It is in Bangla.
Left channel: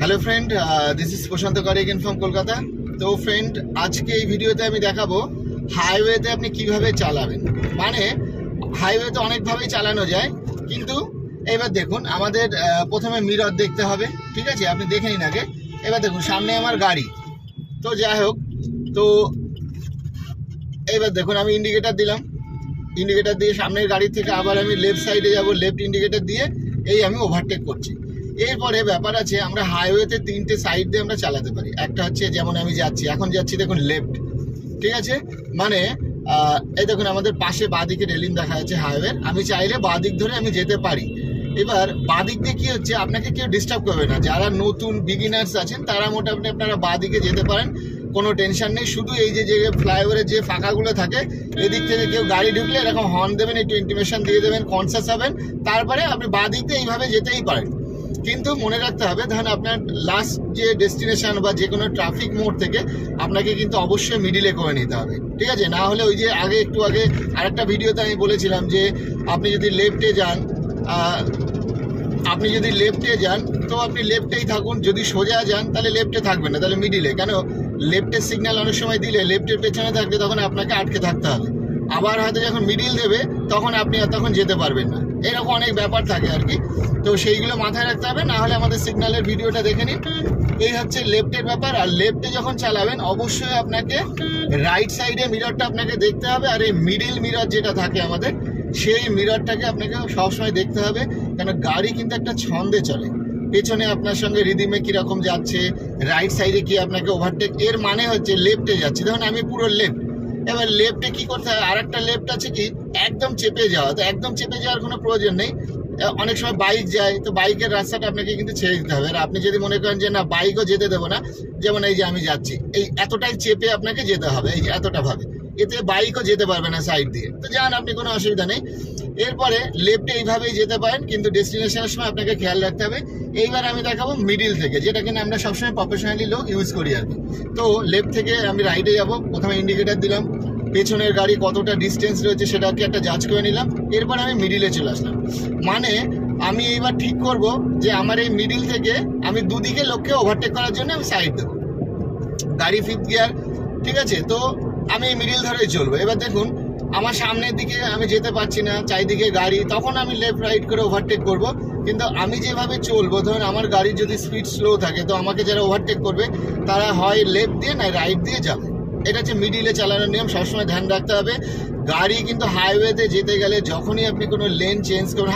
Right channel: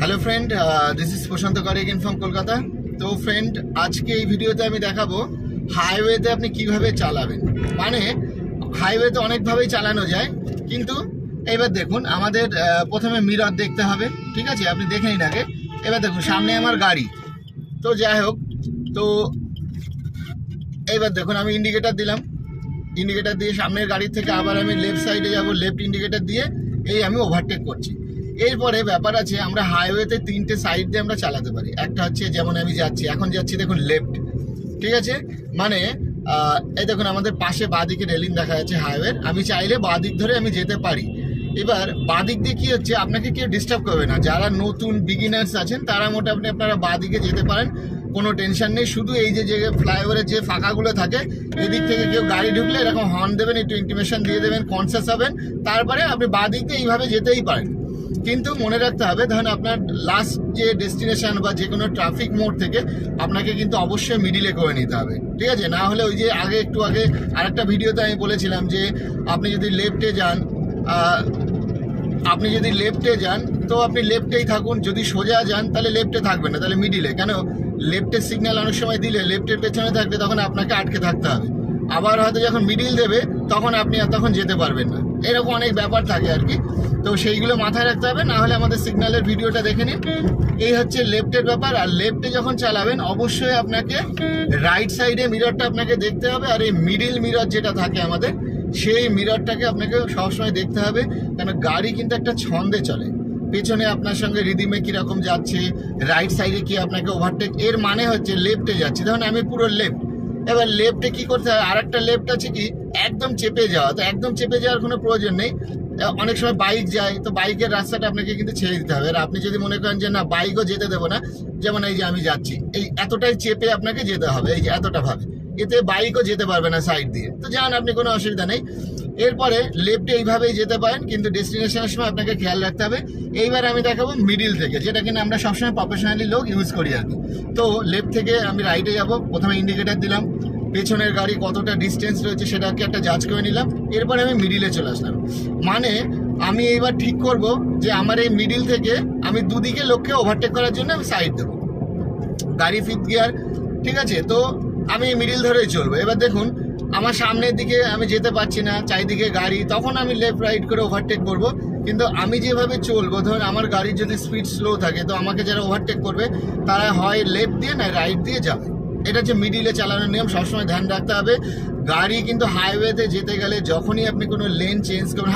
Hello friend, this is Prashant Karigin from Kolkata. তো ফ্রেন্ড, আজকে এই ভিডিওতে আমি দেখাবো হাইওয়েতে আপনি কিভাবে চালাবেন। মানে হাইওয়েতে অনেকভাবেই চালানো যায়, কিন্তু এবার দেখুন আমাদের প্রথমে মিরর দেখতে হবে। ঠিক আছে, আপনি দেখে নিন আগে। এবার দেখুন সামনে আমার গাড়ি, তো যাই হোক, তো এবার দেখুন আমি ইন্ডিকেটার দিলাম, ইন্ডিকেটার দিয়ে সামনের গাড়ি থেকে আবার আমি লেফট সাইডে যাব, লেফট ইন্ডিকেটার দিয়ে এই আমি ওভারটেক করছি। এরপরে ব্যাপার আছে, আমরা হাইওয়েতে তিনটে সাইড দিয়ে আমরা চালাতে পারি। একটা হচ্ছে যেমন আমি যাচ্ছি, এখন যাচ্ছি দেখুন লেফট, ঠিক আছে, মানে এই দেখুন আমাদের পাশে বাঁদিকে রেলিং দেখা যাচ্ছে হাইওয়ে, আমি চাইলে বাঁদিক ধরে আমি যেতে পারি। এবার বাঁদিক দিয়ে কি হচ্ছে, আপনাকে কেউ ডিস্টার্ব করবে না। যারা নতুন বিগিনার্স আছেন তারা মোটামুটি আপনারা বাঁদিকে যেতে পারেন, কোনো টেনশন নেই। শুধু এই যে ফ্লাইওভারের যে ফাঁকাগুলো থাকে, এদিক থেকে কেউ গাড়ি ঢুকলে এরকম হর্ন দেবেন, একটু ইন্টিমেশন দিয়ে দেবেন, কনসাস হবেন, তারপরে আপনি বাঁদিক দিয়ে এইভাবে যেতেই পারেন। কিন্তু মনে রাখতে হবে, ধরুন আপনার লাস্ট যে ডেস্টিনেশন বা যে কোনো ট্রাফিক মোড় থেকে আপনাকে কিন্তু অবশ্যই মিডিলে করে নিতে হবে। ঠিক আছে, না হলে ওই যে একটু আগে আরেকটা ভিডিওতে আমি বলেছিলাম যে আপনি যদি লেফটে যান তো আপনি লেফটেই থাকুন, যদি সোজা যান তাহলে লেফটে থাকবেন না, তাহলে মিডিলে। কেন, লেফটের সিগন্যাল অনেক সময় দিলে লেফটের পেছনে থাকলে তখন আপনাকে আটকে থাকতে হবে। আবার হয়তো যখন মিডিল দেবে তখন আপনি আর তখন যেতে পারবেন না, এরকম অনেক ব্যাপার থাকে আর কি। তো সেইগুলো মাথায় রাখতে হবে, না হলে আমাদের সিগন্যালের ভিডিওটা দেখে নিন। এই হচ্ছে লেফটের ব্যাপার। আর লেফটে যখন চালাবেন অবশ্যই আপনাকে রাইট সাইডে মিররটা আপনাকে দেখতে হবে, আর এই মিডিল মিরর যেটা থাকে আমাদের, সেই মিররটাকে আপনাকে সবসময় দেখতে হবে। কেন, গাড়ি কিন্তু একটা ছন্দে চলে, পেছনে আপনার সঙ্গে রিদিমে কিরকম যাচ্ছে, রাইট সাইডে কি আপনাকে ওভারটেক, এর মানে হচ্ছে লেফটে যাচ্ছে। ধরুন আমি পুরো লেফট, এবার লেফটে কি করতে হয়, আর একটা লেফট আছে কি একদম চেপে যাওয়া। তো একদম চেপে যাওয়ার কোনো প্রয়োজন নেই, অনেক সময় বাইক যায়, তো বাইকের রাস্তাটা আপনাকে কিন্তু ছেড়ে দিতে হবে। আর আপনি যদি মনে করেন যে না বাইকও যেতে দেবো না, যেমন এই যে আমি যাচ্ছি, এই এতটাই চেপে আপনাকে যেতে হবে, এই যে এতটা ভাবে, এতে বাইকও যেতে পারবে না সাইড দিয়ে। তো যান, আপনি কোনো অসুবিধা নেই। এরপরে লেফটে এইভাবেই যেতে পারেন, কিন্তু ডেস্টিনেশনের সময় আপনাকে খেয়াল রাখতে হবে। এইবার আমি দেখাবো মিডিল থেকে, যেটা কিনা আমরা সবসময় প্রফেশনালি লোক ইউজ করি আর কি। তো লেফট থেকে আমি রাইটে যাব, প্রথমে ইন্ডিকেটার দিলাম, পেছনের গাড়ি কতটা ডিস্টেন্স রয়েছে সেটাকে একটা জাজ করে নিলাম। এরপরে আমি মিডিলে চলে আসলাম। মানে আমি এইবার ঠিক করব যে আমার এই মিডিল থেকে আমি দুদিকে লোককে ওভারটেক করার জন্য আমি সাইড দেবো, গাড়ি ফিফথ গিয়ার, ঠিক আছে। তো আমি মিডিল ধরেই চলবো। এবার দেখুন আমার সামনের দিকে আমি যেতে পারছি না, চারিদিকে গাড়ি, তখন আমি লেফট রাইট করে ওভারটেক করব। কিন্তু আমি যেভাবে চলবো, ধরুন আমার গাড়ির যদি স্পিড স্লো থাকে, তো আমাকে যারা ওভারটেক করবে তারা হয় লেফট দিয়ে না রাইট দিয়ে যাবে। এটা হচ্ছে মিডিলে চালানোর নিয়ম, সবসময় ধ্যান রাখতে হবে। গাড়ি কিন্তু হাইওয়েতে যেতে গেলে যখনই আপনি কোনো লেন চেঞ্জ করবেন,